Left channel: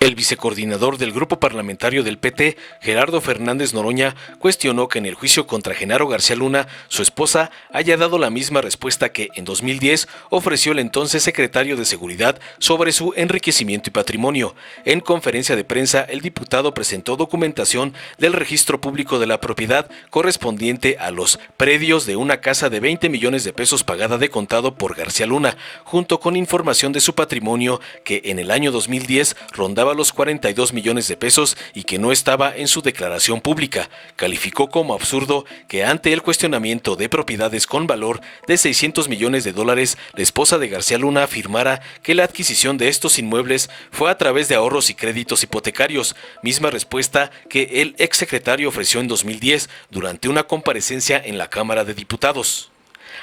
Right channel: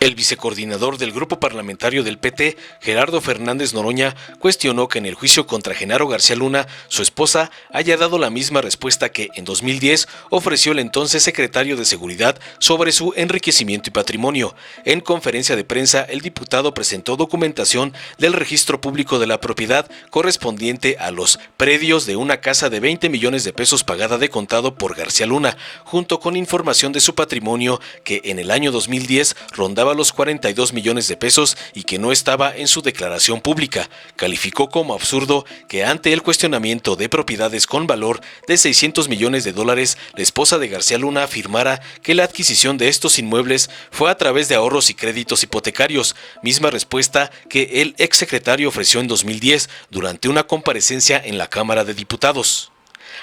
El vicecoordinador del grupo parlamentario del PT, Gerardo Fernández Noroña, cuestionó que en el juicio contra Genaro García Luna, su esposa haya dado la misma respuesta que en 2010 ofreció el entonces secretario de Seguridad sobre su enriquecimiento y patrimonio. En conferencia de prensa, el diputado presentó documentación del registro público de la propiedad correspondiente a los predios de una casa de 20 millones de pesos pagada de contado por García Luna, junto con información de su patrimonio que en el año 2010 rondaba los 42 millones de pesos y que no estaba en su declaración pública. Calificó como absurdo que ante el cuestionamiento de propiedades con valor de 600 millones de dólares, la esposa de García Luna afirmara que la adquisición de estos inmuebles fue a través de ahorros y créditos hipotecarios, misma respuesta que el exsecretario ofreció en 2010 durante una comparecencia en la Cámara de Diputados.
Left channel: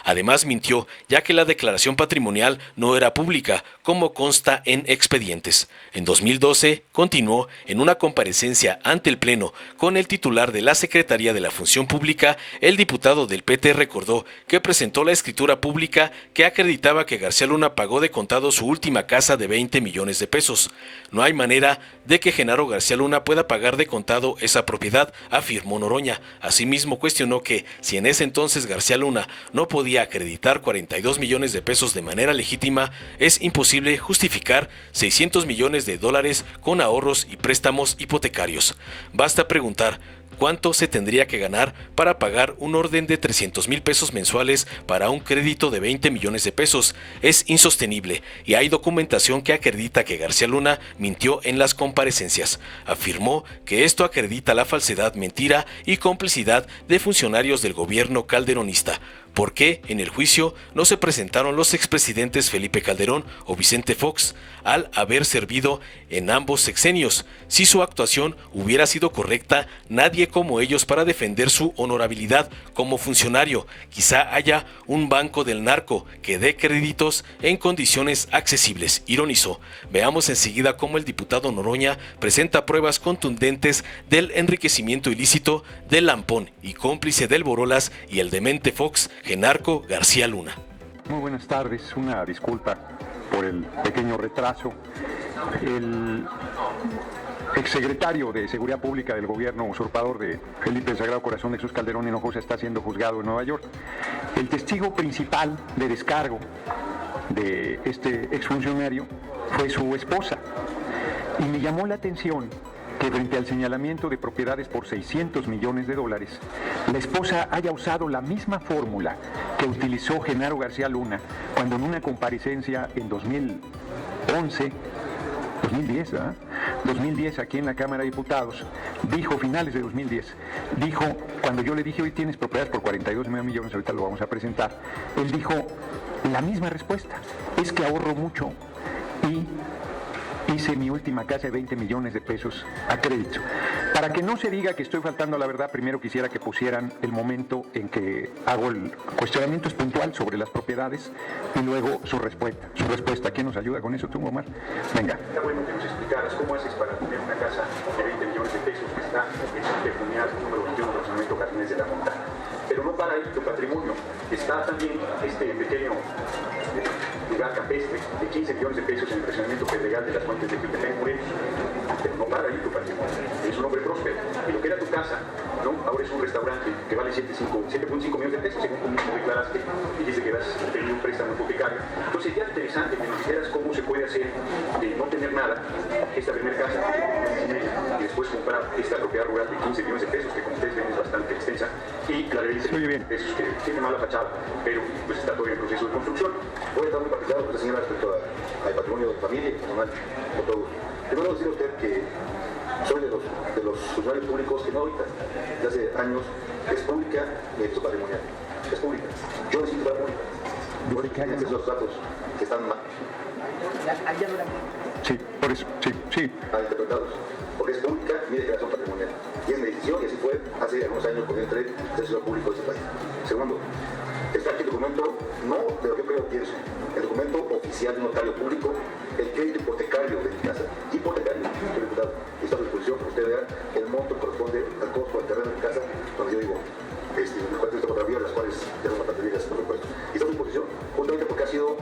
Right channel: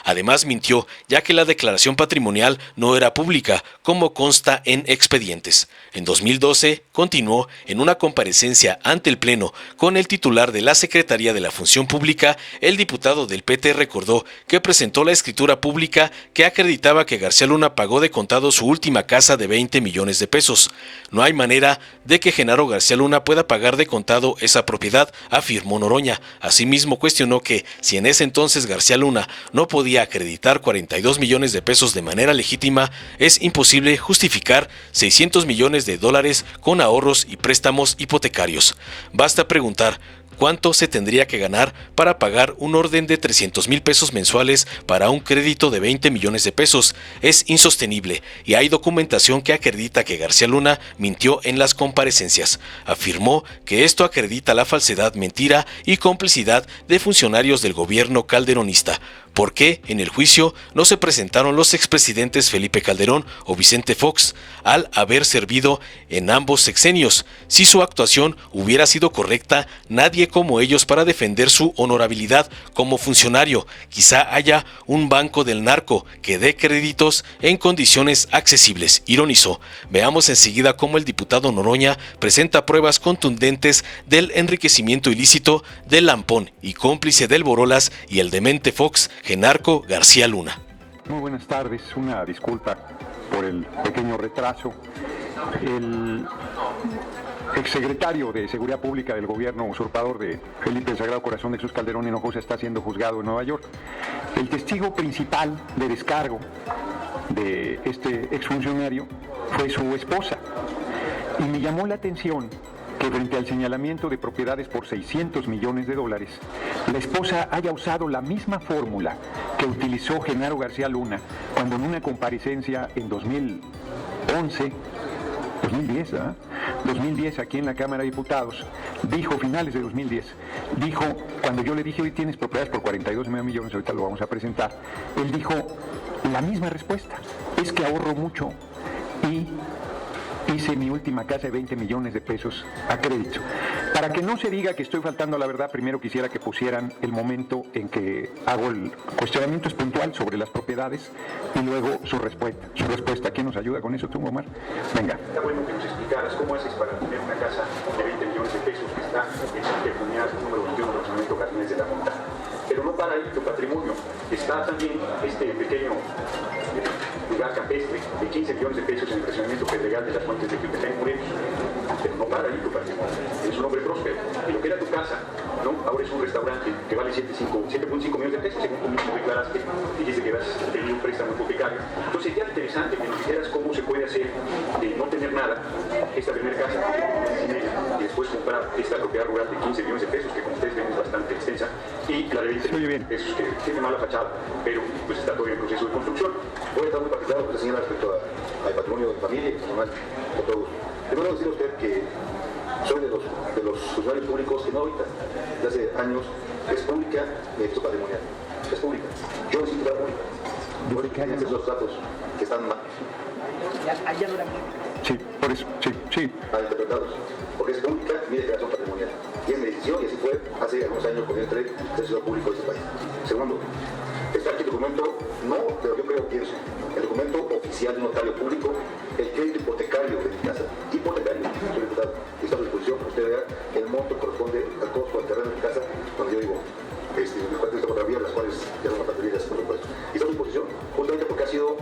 Además mintió, ya que la declaración patrimonial no era pública, como consta en expedientes. En 2012, continuó en una comparecencia ante el Pleno con el titular de la Secretaría de la Función Pública, el diputado del PT recordó que presentó la escritura pública que acreditaba que García Luna pagó de contado su última casa de 20 millones de pesos. No hay manera de que Genaro García Luna pueda pagar de contado esa propiedad, afirmó Noroña. Asimismo cuestionó que si en ese entonces García Luna no podía acreditar 42 millones de pesos de manera legítima, es imposible justificar 600 millones de dólares con ahorros y préstamos hipotecarios. Basta preguntar ¿cuánto se tendría que ganar para pagar un orden de 300,000 pesos mensuales para un crédito de 20 millones de pesos? Es insostenible y hay documentación que acredita que García Luna mintió en las comparecencias. Afirmó que esto acredita la falsedad, mentira y complicidad de funcionarios del gobierno calderonista. ¿Por qué en el juicio no se presentaron los expresidentes Felipe Calderón o Vicente Fox al haber servido en ambos sexenios? Si su actuación hubiera sido correcta, nadie como ellos para defender su honorabilidad como funcionario. Quizá haya un banco del narco que dé créditos en condiciones accesibles, ironizó. Veamos enseguida cómo el diputado Noroña presenta pruebas contundentes del enriquecimiento ilícito del Lampón y cómplice del Borolas y el demente Fox, Genaro García Luna. Muy buenas tardes, una disculpa por el pequeño retraso. El exsecretario de Seguridad Pública del gobierno usurpador de Felipe Sagrado Corazón de Jesús Calderón Hinojosa está siendo juzgado en Nueva York. El testigo principal de descargo de este exfuncionario fue su esposa y me llamó la atención que frente al señalamiento de propiedades por 600 millones de dólares, la esposa haya usado la misma fórmula que utilizó Genaro García Luna cuando en una comparecencia en 2010 aquí en la Cámara de Diputados, dijo, finales de 2010, dijo, cuando yo le dije, hoy tienes propiedades por 42 millones, ahorita lo vamos a presentar, él dijo la misma respuesta, es que ahorro mucho y hice mi última casa de 20 millones de pesos a crédito. Para que no se diga que estoy faltando a la verdad, primero quisiera que pusieran el momento en que hago el cuestionamiento puntual sobre las propiedades y luego su respuesta. ¿Quién nos ayuda con eso, tú, Omar? Venga. ¿Cómo haces para comprar una casa de 20 millones de pesos que está en el patrimonial de Jardines de la Fontana? Pero no para tu patrimonio, está también este pequeño lugar campestre de 15 millones de pesos en el legal de las partes de Pepe Moreno. Es un hombre próspero, lo que era tu casa, ¿no? Ahora es un restaurante que vale 7.5 millones de pesos, según tú mismo declaraste, y dice que das un préstamo hipotecario. Entonces es interesante que consideras cómo se puede hacer de no tener nada, esta primera casa, y después comprar esta 15 millones de pesos, que es bastante extensa, y la de pesos que tiene mala fachada, pero pues está todo en el proceso de construcción. Voy a dar un particular que señala respecto al patrimonio de la familia, de todo. Le voy a decir a usted que soy de los usuarios públicos que no habitan desde hace años, es pública este patrimonio. Es pública. Yo necesito pública. Yo creo que hay esos datos que están mal. Sí, por eso, sí. Mal interpretados. Porque es pública y es declaración patrimonial. Y es decisión que se fue hace algunos años por el tren del sector público de este país. Segundo, está aquí el documento, no, pero yo creo que es el documento oficial de un notario público, el crédito hipotecario de mi casa. Esta disposición, el monto corresponde al costo del terreno de mi casa, cuando yo digo, las cuentas de fotografía, las cuales tengo una familia de presupuesto. Esta disposición, justamente porque ha sido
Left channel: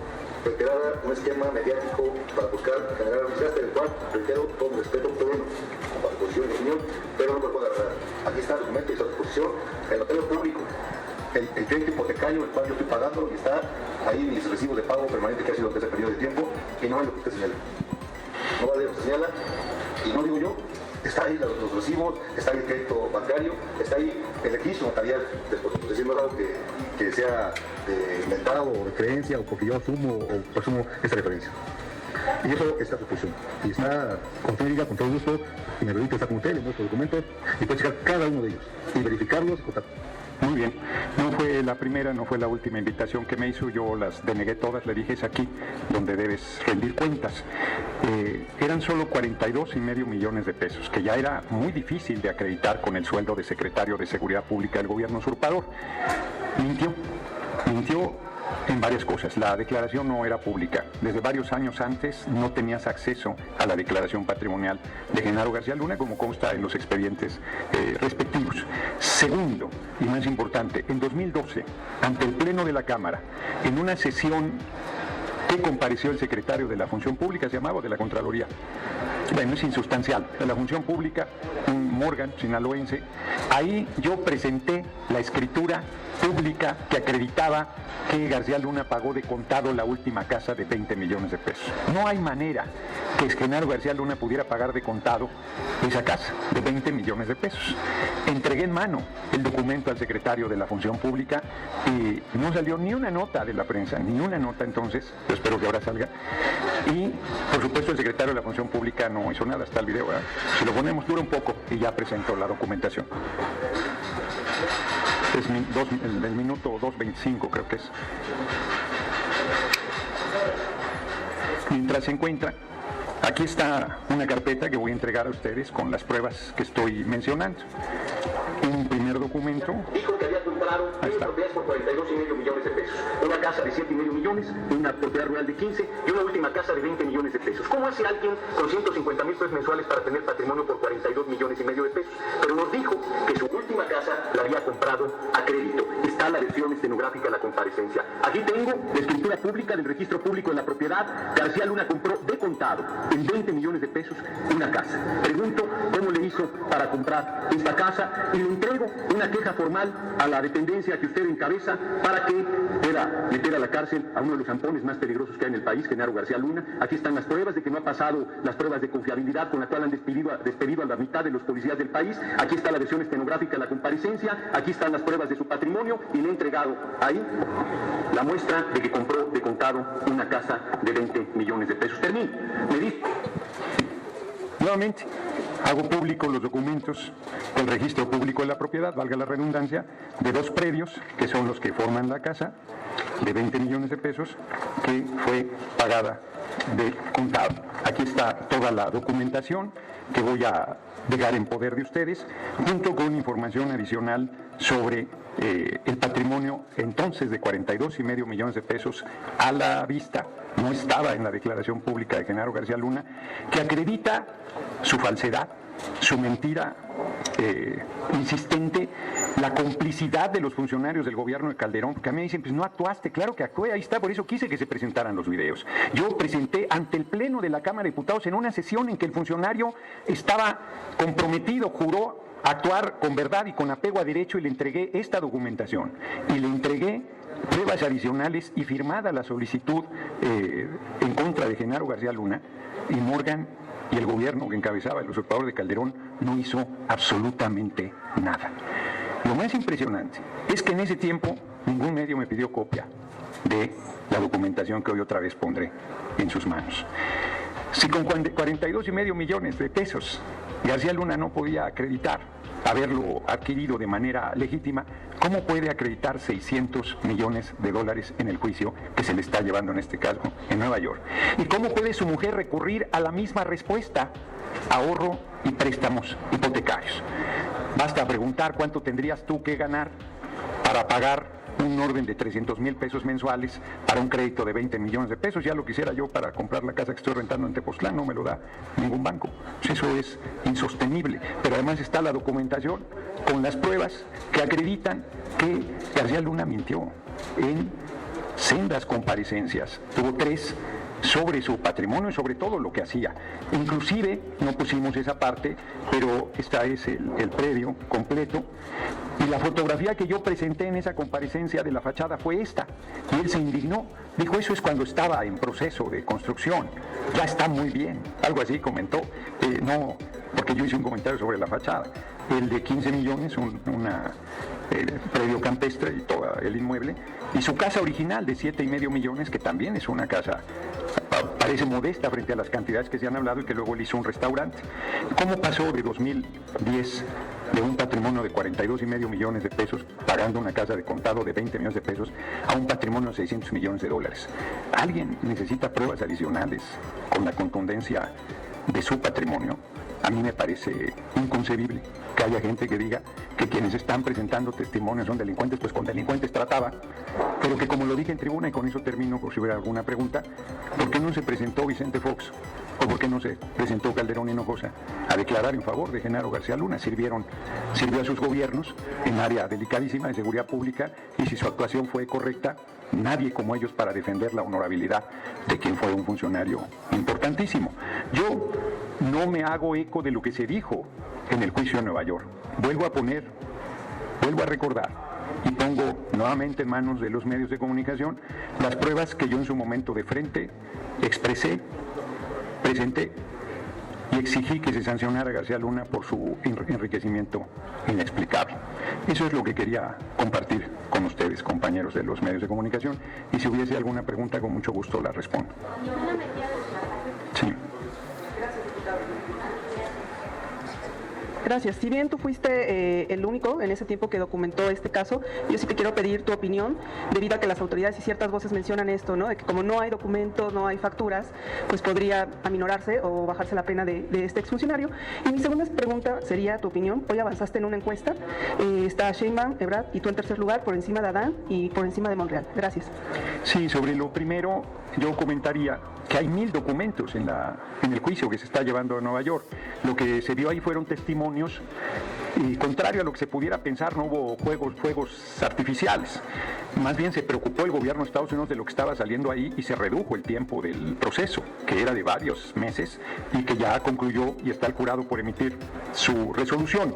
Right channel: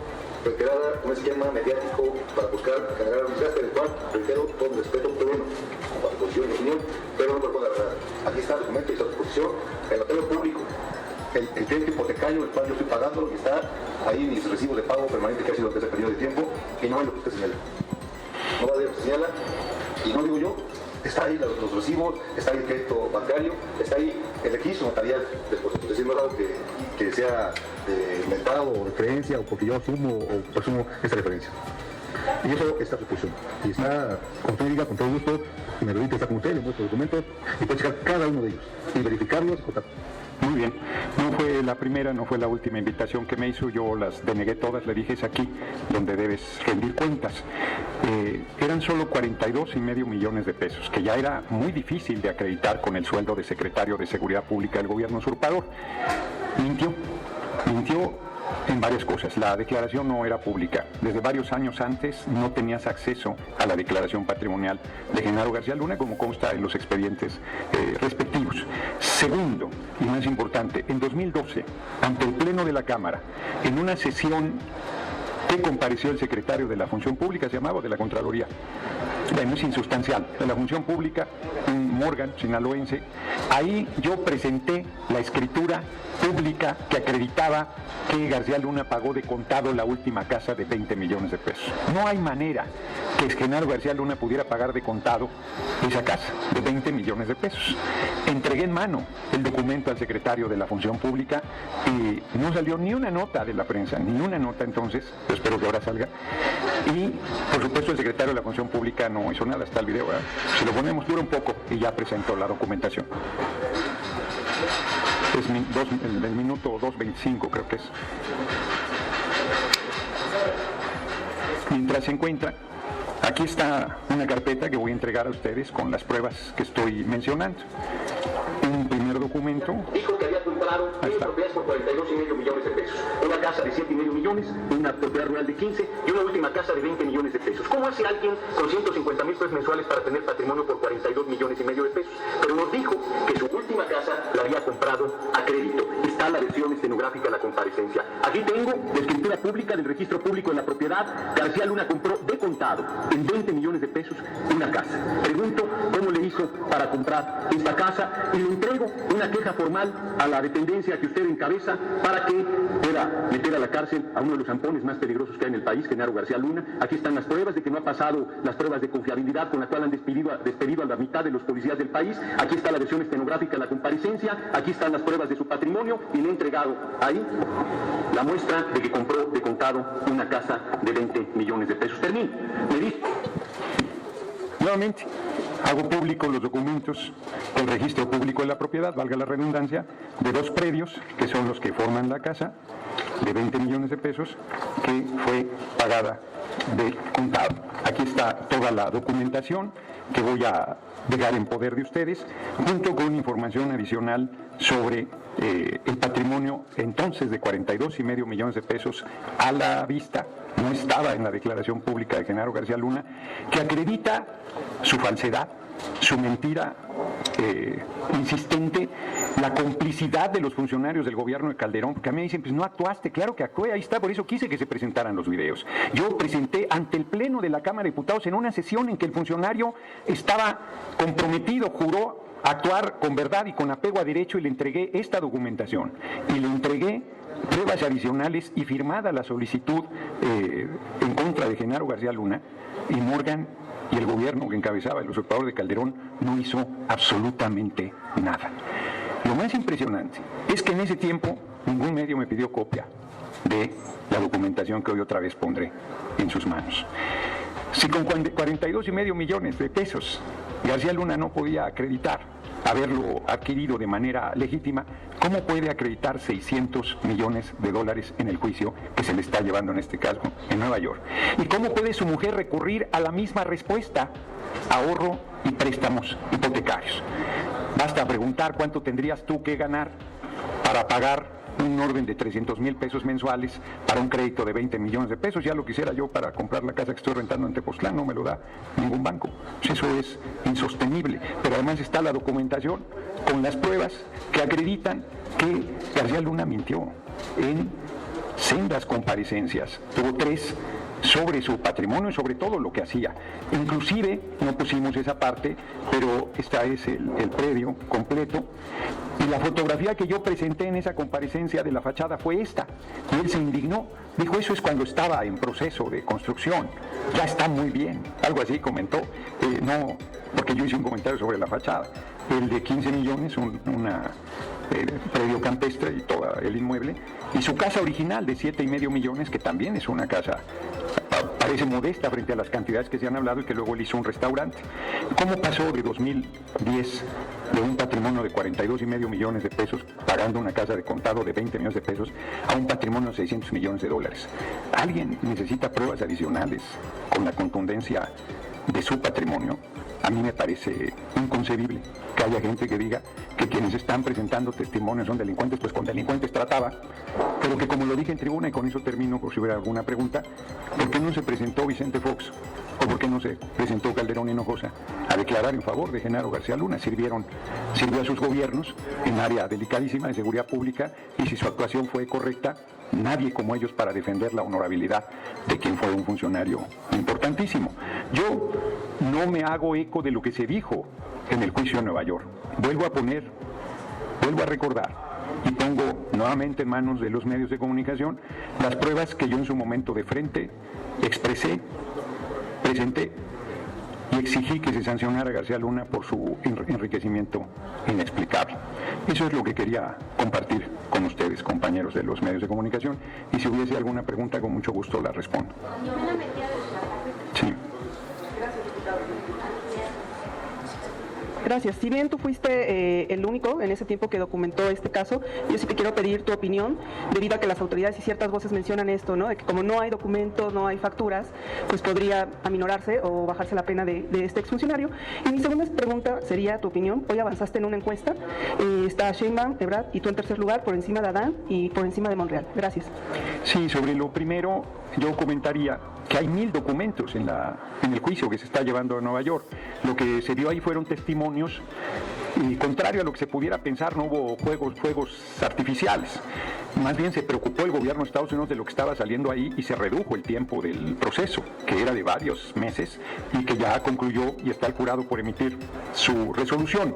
reiterada un esquema mediático para buscar generar ansias, el cual, reitero, con respeto pedimos a la posición de opinión, que no ponga nada. Aquí está el documento de esa disposición, el notero público, el crédito hipotecario, el cual yo estoy pagando, y está ahí en el excesivo de pago permanente que ha sido lo que se ha perdido de tiempo, y no es lo que usted señala. Ahora lo que señala, y no digo yo, está ahí los recibos, está ahí el crédito bancario, está ahí el mismo material, decimos que sea pago, referencia, o porque yo sumo o consumo esta referencia. Y eso está justicia. Y está con técnica, con todo gusto, y me pregunta está con ustedes, muchos documentos, y puede checar cada uno de ellos, y verificarlos, Muy bien. No fue la primera, no fue la última invitación que me hizo, yo las denegué todas, le dije es aquí donde debes rendir cuentas. Eran solo 42,5 millones de pesos, que ya era muy difícil de acreditar con el sueldo de secretario de Seguridad Pública del gobierno usurpador. Mintió en varias cosas. La declaración no era pública. Desde varios años antes no tenías acceso a la declaración patrimonial de Genaro García Luna, como consta en los expedientes respectivos. Segundo, y más importante, en 2012, ante el Pleno de la Cámara, en una sesión que compareció el secretario de la Función Pública, se llamaba de la Contraloría, es insustancial, de la Función Pública, un Morgan sinaloense, ahí yo presenté la escritura pública que acreditaba que García Luna pagó de contado la última casa de 20 millones de pesos. No hay manera que Genaro García Luna pudiera pagar de contado esa casa de 20 millones de pesos. Entregué en mano el documento al secretario de la Función Pública y no salió ni una nota de la prensa, ni una nota entonces, espero que ahora salga. Y, por supuesto, el secretario de la Función Pública no hizo nada, está el video. Se lo voy a mostrar un poco y ya presentó la documentación. En el minuto 2:25 creo que es. Mientras se encuentra, aquí está una carpeta que voy a entregar a ustedes con las pruebas que estoy mencionando. Un primer documento. Hasta por 42,5 millones de pesos. Una casa de 7,5 millones, una propiedad rural de 15 y una última casa de 20 millones de pesos. ¿Cómo hace alguien con 150,000 pesos mensuales para tener patrimonio por 42,5 millones de pesos? Pero nos dijo que su última casa la había comprado a crédito. Está la versión estenográfica en la comparecencia. Aquí tengo la escritura pública del registro público de la propiedad. García Luna compró de contado en 20 millones de pesos una casa. Pregunto cómo le hizo para comprar esta casa y lo entrego una queja formal a la dependencia que usted encabeza para que pueda meter a la cárcel a uno de los zampones más peligrosos que hay en el país, Genaro García Luna. Aquí están las pruebas de que no ha pasado las pruebas de confiabilidad con la cual han despedido a la mitad de los policías del país. Aquí está la versión estenográfica de la comparecencia. Aquí están las pruebas de su patrimonio y no ha entregado ahí la muestra de que compró de contado una casa de 20 millones de pesos. Termino. Nuevamente, hago público los documentos del registro público de la propiedad, valga la redundancia, de dos predios, que son los que forman la casa, de 20 millones de pesos, que fue pagada de contado. Aquí está toda la documentación que voy a dejar en poder de ustedes, junto con información adicional sobre el patrimonio entonces de 42,5 millones de pesos a la vista. No estaba en la declaración pública de Genaro García Luna, que acredita su falsedad, su mentira insistente, la complicidad de los funcionarios del gobierno de Calderón, porque a mí me dicen, pues no actuaste, claro que actué, ahí está, por eso quise que se presentaran los videos. Yo presenté ante el Pleno de la Cámara de Diputados en una sesión en que el funcionario estaba comprometido, juró actuar con verdad y con apego a derecho y le entregué esta documentación. Y le entregué pruebas adicionales y firmada la solicitud en contra de Genaro García Luna, y Morgan y el gobierno que encabezaba el usurpador de Calderón no hizo absolutamente nada. Lo más impresionante es que en ese tiempo ningún medio me pidió copia de la documentación que hoy otra vez pondré en sus manos. Si con 42,5 millones de pesos García Luna no podía acreditar haberlo adquirido de manera legítima, ¿cómo puede acreditar 600 millones de dólares en el juicio que se le está llevando en este caso en Nueva York? ¿Y cómo puede su mujer recurrir a la misma respuesta? Ahorro y préstamos hipotecarios. Basta preguntar cuánto tendrías tú que ganar para pagar un orden de 300,000 pesos mensuales para un crédito de 20 millones de pesos. Ya lo quisiera yo para comprar la casa que estoy rentando en Tepoztlán, no me lo da ningún banco. Eso es insostenible. Pero además está la documentación con las pruebas que acreditan que García Luna mintió en sendas comparecencias, tuvo 3 sobre su patrimonio y sobre todo lo que hacía. Inclusive, no pusimos esa parte, pero está ese, el predio completo, y la fotografía que yo presenté en esa comparecencia de la fachada fue esta, y él se indignó, dijo, eso es cuando estaba en proceso de construcción, ya está muy bien, algo así comentó, no, porque yo hice un comentario sobre la fachada, el de 15 millones, predio campestre y todo el inmueble, y su casa original de 7,5 millones, que también es una casa, parece modesta frente a las cantidades que se han hablado, y que luego él hizo un restaurante. ¿Y cómo pasó de 2010 de un patrimonio de 42,5 millones de pesos, pagando una casa de contado de 20 millones de pesos, a un patrimonio de 600 millones de dólares? Alguien necesita pruebas adicionales con la contundencia de su patrimonio. A mí me parece inconcebible que haya gente que diga que quienes están presentando testimonios son delincuentes, pues con delincuentes trataban, pero que, como lo dije en tribuna, y con eso termino por si hubiera alguna pregunta, ¿por qué no se presentó Vicente Fox? ¿O por qué no se presentó Calderón Hinojosa a declarar en favor de Genaro García Luna? Sirvió a sus gobiernos en área delicadísima de seguridad pública, y si su actuación fue correcta, nadie como ellos para defender la honorabilidad de quien fue un funcionario importantísimo. Yo no me hago eco de lo que se dijo en el juicio de Nueva York. Vuelvo a recordar y pongo nuevamente en manos de los medios de comunicación las pruebas que yo en su momento de frente expresé, presenté y exigí que se sancionara a García Luna por su enriquecimiento inexplicable. Eso es lo que quería compartir con ustedes, compañeros de los medios de comunicación, y si hubiese alguna pregunta, con mucho gusto les respondo. Sí. Gracias. Si bien tú fuiste el único en ese tiempo que documentó este caso, yo sí te quiero pedir tu opinión, debido a que las autoridades y ciertas voces mencionan esto, ¿no? De que como no hay documentos, no hay facturas, pues podría aminorarse o bajarse la pena de este exfuncionario. Y mi segunda pregunta sería tu opinión. Hoy avanzaste en una encuesta, está Sheinbaum, Ebrard y tú en tercer lugar, por encima de Adán y por encima de Monreal. Gracias. Sí, sobre lo primero, yo comentaría que hay 1,000 documentos en el juicio que se está llevando a Nueva York. Lo que se dio ahí fueron testimonios, y contrario a lo que se pudiera pensar, no hubo fuegos artificiales. Más bien se preocupó el gobierno de Estados Unidos de lo que estaba saliendo ahí, y se redujo el tiempo del proceso, que era de varios meses y que ya concluyó y está el jurado por emitir su resolución.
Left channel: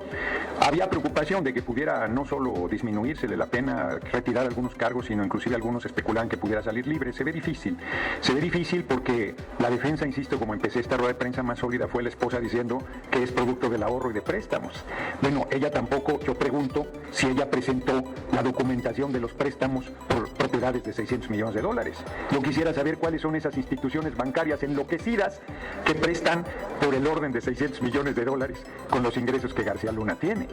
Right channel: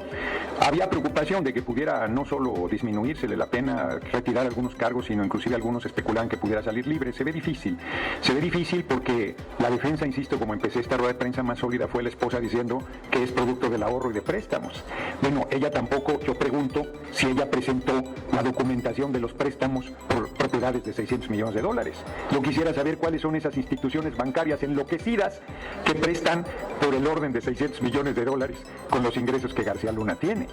Había preocupación de que pudiera no solo disminuirse de la pena, retirar algunos cargos, sino inclusive algunos especulaban que pudiera salir libre. Se ve difícil porque la defensa, insisto, como empecé esta rueda de prensa más sólida, fue la esposa diciendo que es producto del ahorro y de préstamos. Bueno, ella tampoco, yo pregunto si ella presentó la documentación de los préstamos por propiedades de 600 millones de dólares. Yo quisiera saber cuáles son esas instituciones bancarias enloquecidas que prestan por el orden de 600 millones de dólares con los ingresos que García Luna tiene.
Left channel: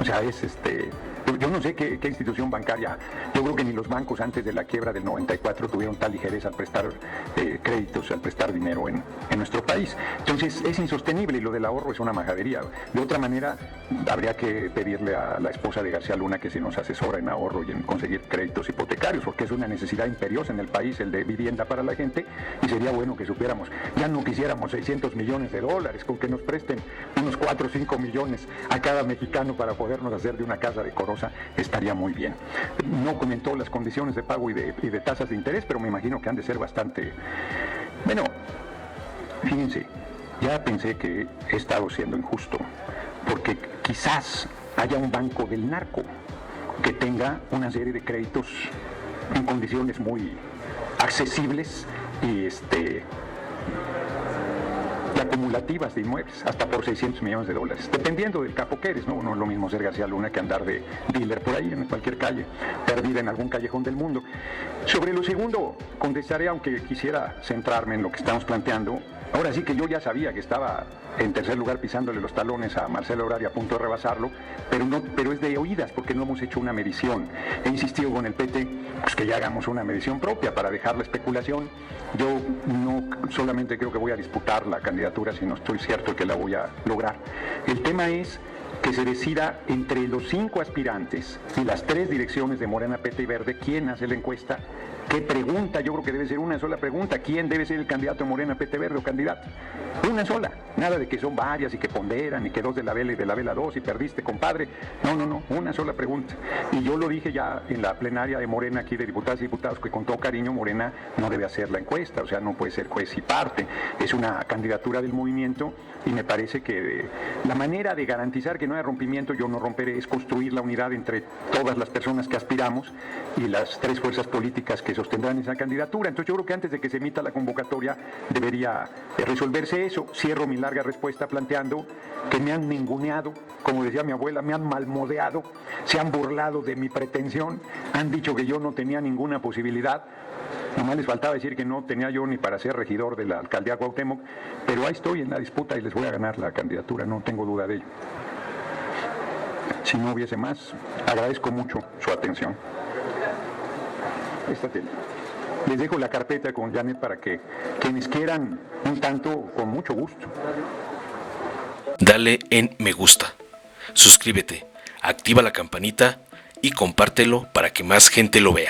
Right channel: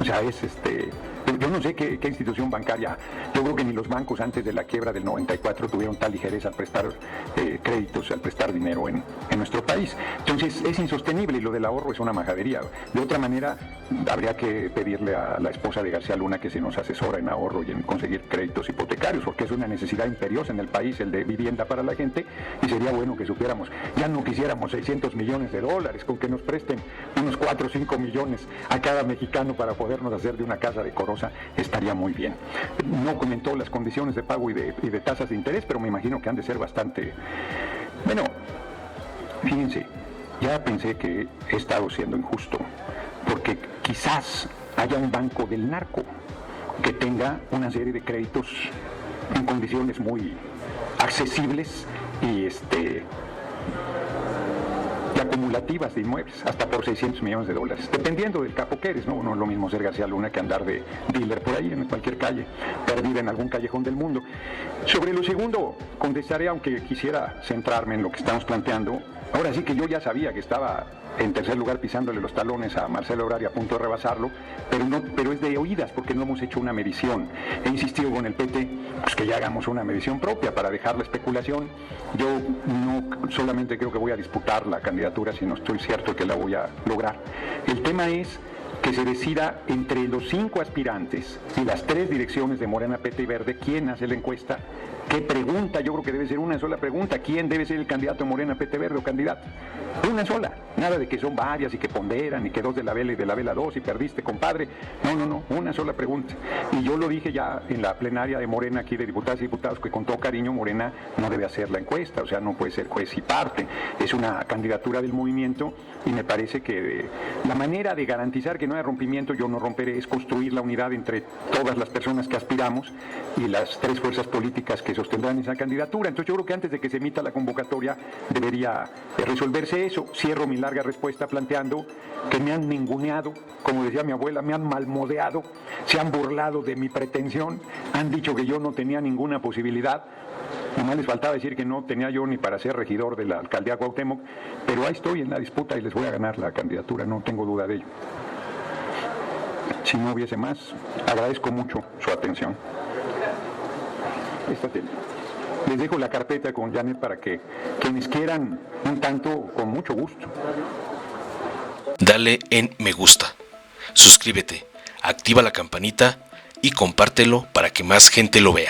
O sea, yo no sé qué institución bancaria, yo creo que ni los bancos antes de la quiebra del 94 tuvieron tal ligereza al prestar créditos, al prestar dinero en nuestro país. Entonces es insostenible, y lo del ahorro es una majadería. De otra manera, habría que pedirle a la esposa de García Luna que se nos asesore en ahorro y en conseguir créditos hipotecarios, porque es una necesidad imperiosa en el país, el de vivienda para la gente, y sería bueno que supiéramos. Ya no quisiéramos 600 millones de dólares, con que nos presten unos 4 o 5 millones a cada mexicano para podernos hacer de una casa decorosa, estaría muy bien. No comentó las condiciones de pago y de tasas de interés, pero me imagino que han de ser bastante... Bueno, fíjense, ya pensé que he estado siendo injusto, porque quizás haya un grupo del narco que tenga una serie de créditos en condiciones muy accesibles y acumulativas de inmuebles, hasta por 600 millones de dólares, dependiendo del capo que eres, ¿no? No es lo mismo ser García Luna que andar de dealer por ahí en cualquier calle, perdido en algún callejón del mundo. Sobre lo segundo, contestaré, aunque quisiera centrarme en lo que estamos planteando. Ahora sí que yo ya sabía que estaba en tercer lugar pisándole los talones a Marcelo Ebrard, a punto de rebasarlo, pero es de oídas, porque no hemos hecho una medición. He insistido con el PT pues que ya hagamos una medición propia para dejar la especulación. Yo no solamente creo que voy a disputar la candidatura, sino estoy cierto que la voy a lograr. El tema es que se decida entre los 5 aspirantes y las 3 direcciones de Morena, PT y Verde quién hace la encuesta, qué pregunta pregunta, yo creo que debe ser una sola pregunta. ¿Quién debe ser el candidato Morena PT Verde o candidato? Una sola. Nada de que son varias y que ponderan y que dos de la vela y de la vela dos y perdiste, compadre. No. Una sola pregunta. Y yo lo dije ya en la plenaria de Morena, aquí de diputadas y diputados, que con todo cariño Morena no debe hacer la encuesta. O sea, no puede ser juez y parte. Es una candidatura del movimiento y me parece que la manera de garantizar que no haya rompimiento, yo no romperé, es construir la unidad entre todas las personas que aspiramos y las tres fuerzas políticas que sostendrán esa candidatura. Entonces yo creo que antes de que se emita la convocatoria debería resolverse eso. Cierro mi larga respuesta planteando que me han ninguneado, como decía mi abuela, me han malmodeado, se han burlado de mi pretensión, han dicho que yo no tenía ninguna posibilidad. Y no les faltaba decir que no tenía yo ni para ser regidor de la alcaldía Cuauhtémoc, pero ahí estoy en la disputa y les voy a ganar la candidatura, no tengo duda de ello. Si no hubiese más, agradezco mucho su atención. Está bien. Les dejo la carpeta con Janet para que quienes quieran un tanto, con mucho gusto. Dale en me gusta, suscríbete, activa la campanita y compártelo para que más gente lo vea.